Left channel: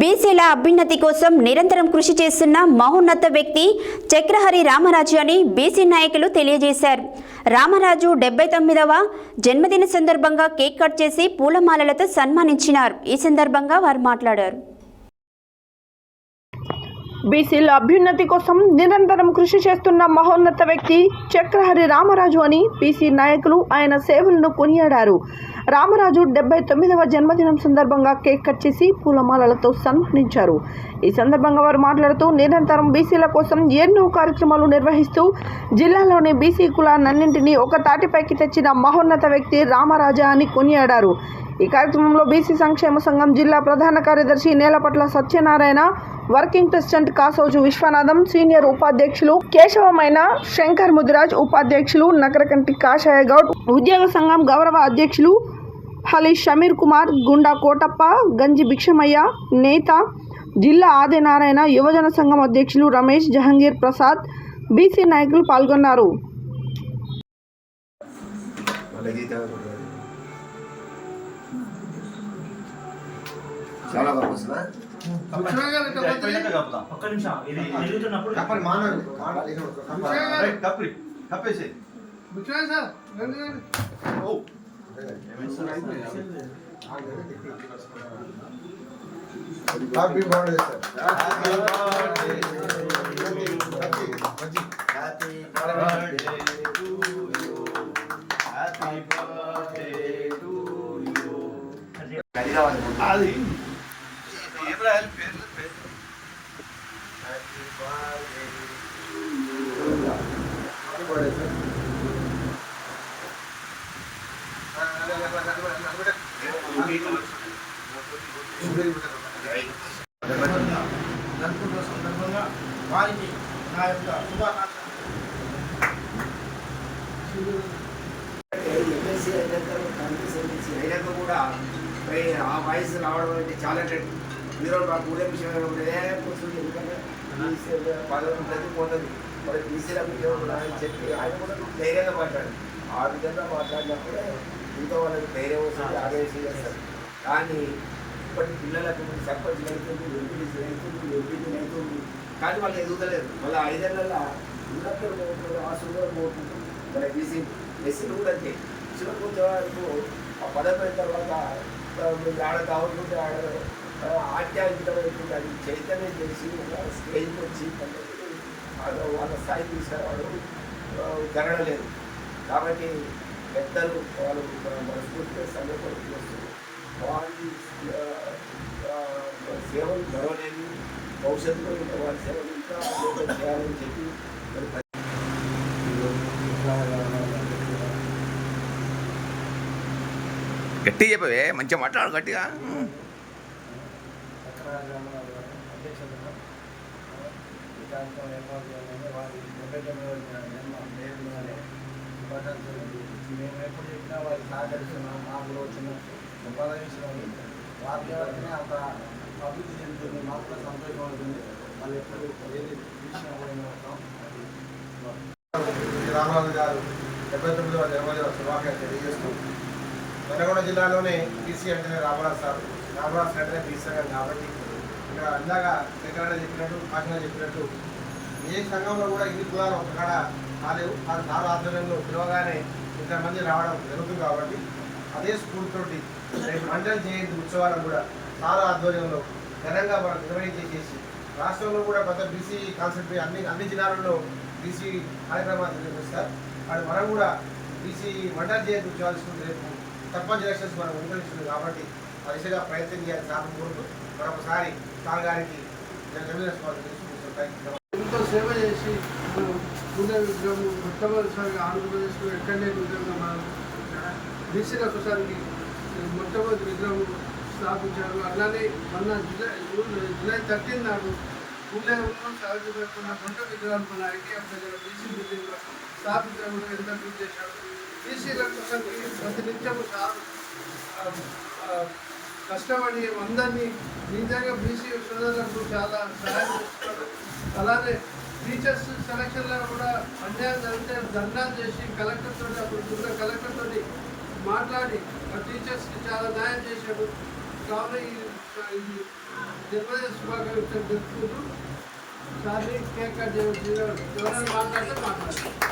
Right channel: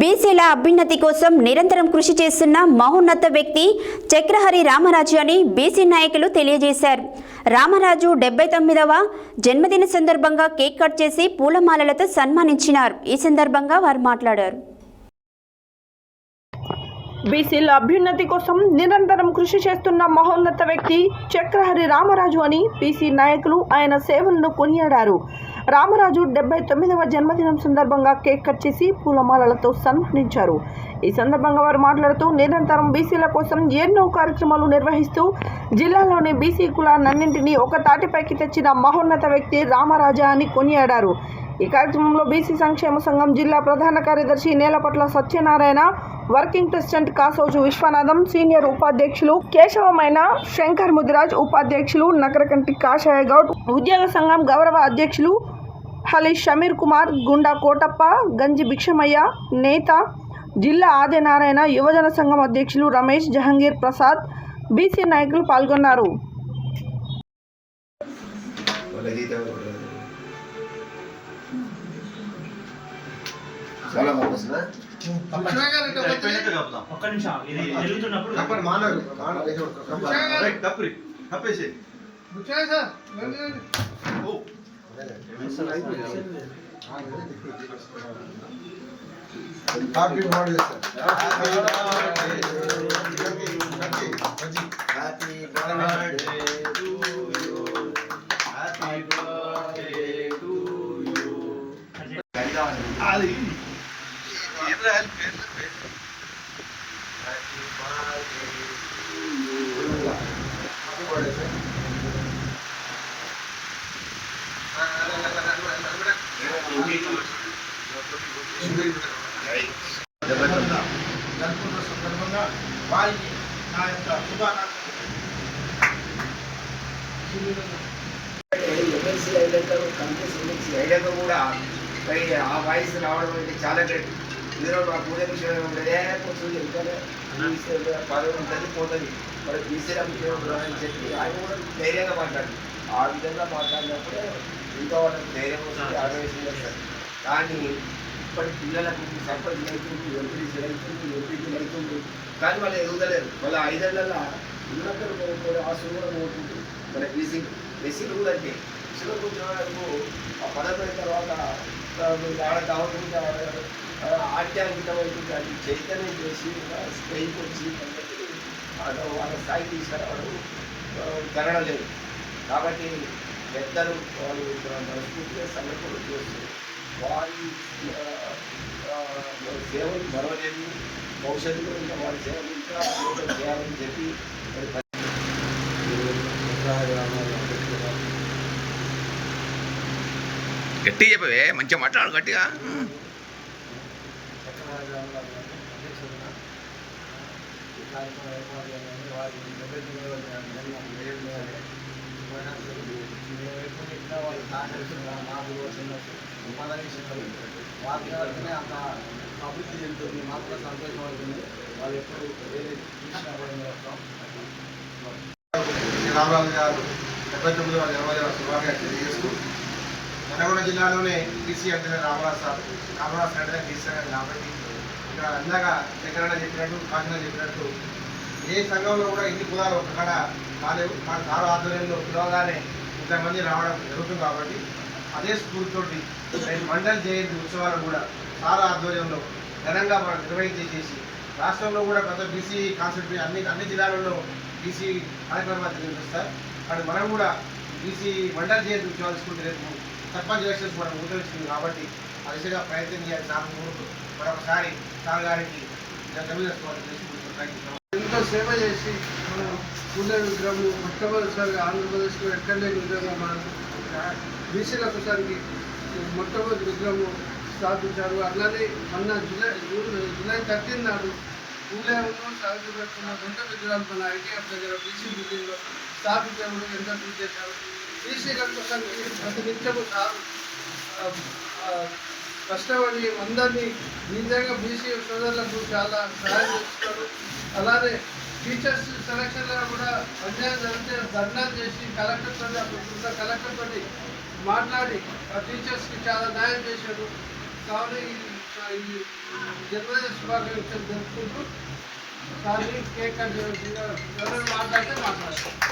బీసీల అభ్యున్నతి కోసం నిరంతరం కృషి చేస్తున్న మహోన్నత వ్యక్తి చక్రహరి రామరాజు అని బీసీ నాయకులు తెలియజేశారు. రామరాజు 79వ జన్మదిన సందర్భంగా కేక్ కట్ చేసి పూలమాలలతో సన్మానించినారు. ఈ సందర్భంగా వారు మాట్లాడారు. బీసీల అభ్యున్నతి కోసం నిరంతరం కృషి చేస్తున్న మహోన్నత వ్యక్తి చక్రహరి రామరాజు అని బీసీ నాయకులు ఆయన సేవలను కొనియాడారు. రామరాజు 79వ జన్మదినం సందర్భంగా కేక్ కట్ చేసి పూలమాలలతో సన్మానించారు. ఈ సందర్భంగా వారు మాట్లాడుతూ నిరంతరం బీసీల కోసం ఎన్నో కార్యక్రమాలు నిర్వహిస్తూ జిల్లాలోని బీసీ కులాలన్నింటినీ ఒక తాటిపైకి తెచ్చిన మహోన్నత వ్యక్తి రామరాజా అని కొనియాడారు. ఈ కార్యక్రమంలో బీసీ సంక్షేమ సంఘం జిల్లా ప్రధాన కార్యదర్శి నేలపట్ల సత్యనారాయణ, వర్కింగ్ ప్రెసిడెంట్ కాసోజు విశ్వనాథం, సీనియర్ ఉపాధ్యక్షులు కేశవమైన శంకర్ ముదిరాజ్, ఉపాధ్యక్షులు నకరకంటి కాషాయ గౌడ్, ఉద్యోగ సంఘం గౌరవ అధ్యక్షులు హలి షమీర్ కుమార్, గుండా కోటప్ప, గంజి భిక్షమయ్య, నేత జిల్లా ఆదినారాయణ, యువజన సంఘం అధ్యక్షులు రమేష్, జహంగీర్ ప్రసాద్, బీసీ నాయకులు పాల్గొన్నారు. Happy birthday, sir. Happy birthday to you. Happy birthday to you. Ali. Happy birthday to you. వారికి నా యొక్క శుభాకాంక్షలు కూడా ఆ వయసు రావడం అంటే చాలా గ్రేట్. ఈరోజు నాకు ఉదయం విషయం ఉండేదే పదవి ఉంటుంది పోతుంది, మరి బీసీలకు అని చెప్పి ఆయన కూడా ధైర్యంగా మాట్లాడు. ఆ విధంగా మాట్లాడినప్పుడే ఇంకా వాళ్ళకి ధైర్యం వస్తుంది, ఆవేశం చేస్తారు. కానీ ఇప్పటి పిల్లలకు సర్పంచ్ అవుతుంది, ఎంపీసీలు అవుతుంది, ఎంపీటీలు అవుతుంది, కానీ వాళ్ళు ఎదుగుతలేరు. మళ్ళీ 5 ఏళ్ళ ఇళ్ళందరూ ఆశీర్వాదం అవుతుంది. మన ఎస్సీలు కూడా అంటే కొంచెం ఆ పదవి అయిన తర్వాత ఆడ కావాలనుకుంటే ఆధ్యాత్మికమైంది, అది చైతన్యం చేసి ఒక స్టేజ్కి వచ్చి వాళ్ళ స్థాయి తీసుకురావడం జరగడం లేదు. కాబట్టి పెద్దలు వాళ్ళు మనస్ఫూర్తిగా సంఘటనలు చేస్తారు. వారి సేవలు మరవలేదు, భవిష్యత్తులో ఉన్న వారి సేవలు ఇంకా చేయాలని చెప్పి గట్టిగా చెప్పవే, మంచిగా మాట్లాడు గట్టిగా. వారికి ఎవరికైనా అంత అభివృద్ధి చెందుతుంది, మాకు సంతోషం ఉంటుంది. వాళ్ళు ఎప్పుడు ఏది రామరాజు గారు 79వ జన్మదిన శుభాకాంక్షలు తెలియజేసుకుంటున్నాం. నల్గొండ జిల్లాలోనే బీసీ అంటే రామరాజు సార్ అంటే బీసీ సంఘం. కాబట్టి ఇక్కడ అందాగా ఎక్కడైనా చెప్పినట్టు, కాకినా చెప్పినట్టు ఏ సంఘంలో కూడా ఇన్ని కులాలు ఒక్కడ కాలేవు. కానీ సార్ ఆధ్వర్యంలో పిలవగానే ఇంతమంది రావడం జరుగుతుంది. కాబట్టి అదే స్ఫూర్తితోటి మండల జయంతి ఉత్సవాలను కూడా సార్ ఆధ్వర్యంలో ఘనంగా మనం నిర్వహించేసి రాష్ట్రంలో కూడా కొత్త బీసీ కాన్సెప్ట్ అన్ని జిల్లాలలో బీసీ కార్యక్రమాలు నిర్వహిస్తారు. కానీ మనం కూడా బీసీ మండల జయంతి ఉత్సవాలు తీసుకుంటే రేపు సర్పంచ్ ఎలక్షన్స్ మనం ముందుకొచ్చింది. కాబట్టి ఆ దిశగా ప్రయత్నం చేయాలి. సార్ ముందు మరొకసారి సార్ గారికి ఎంతో సేవ చేసి మనం పూజ విగ్రహం మొట్టమొదటిసారిగా ఆంధ్రప్రదేశ్లో ఎక్కడ లేని విధంగా మనం బీసీల కోసానికి మొట్టమొదటి విగ్రహం స్థాపించారు. అలానే మొన్న జూలై 13 నాడు పూలేలో సాధించబడుతున్న 2 విగ్రహాలు మన ఐటీఎఫ్ దగ్గర బీసీ బిల్డింగ్లో స్థాపించడానికి ఎంత కృషి చేశారు. బీసీల కోసానికి ప్రతినిత్యము కష్టపడి అందరినీ నిజంగా బీసీ సోదరులకు చాలా సహాయం చేస్తారు. అలానే టీచర్స్ సెలక్షన్లో కూడా అన్యాయం జరిగితే ధర్నాలు చేసి కలెక్టర్ తోటి అప్పుడు కలెక్టర్ తోటి మాట్లాడి ఆ టీచర్స్కి చాలా న్యాయం చేశారు. కావున ఇది జన్మదిన శుభాకాంక్షలు తెలుపుకుంటూ సార్ని కేక్ కట్ చేయవలసిందిగా ఎవరైనా మాట్లాడితే మాట్లాడారు.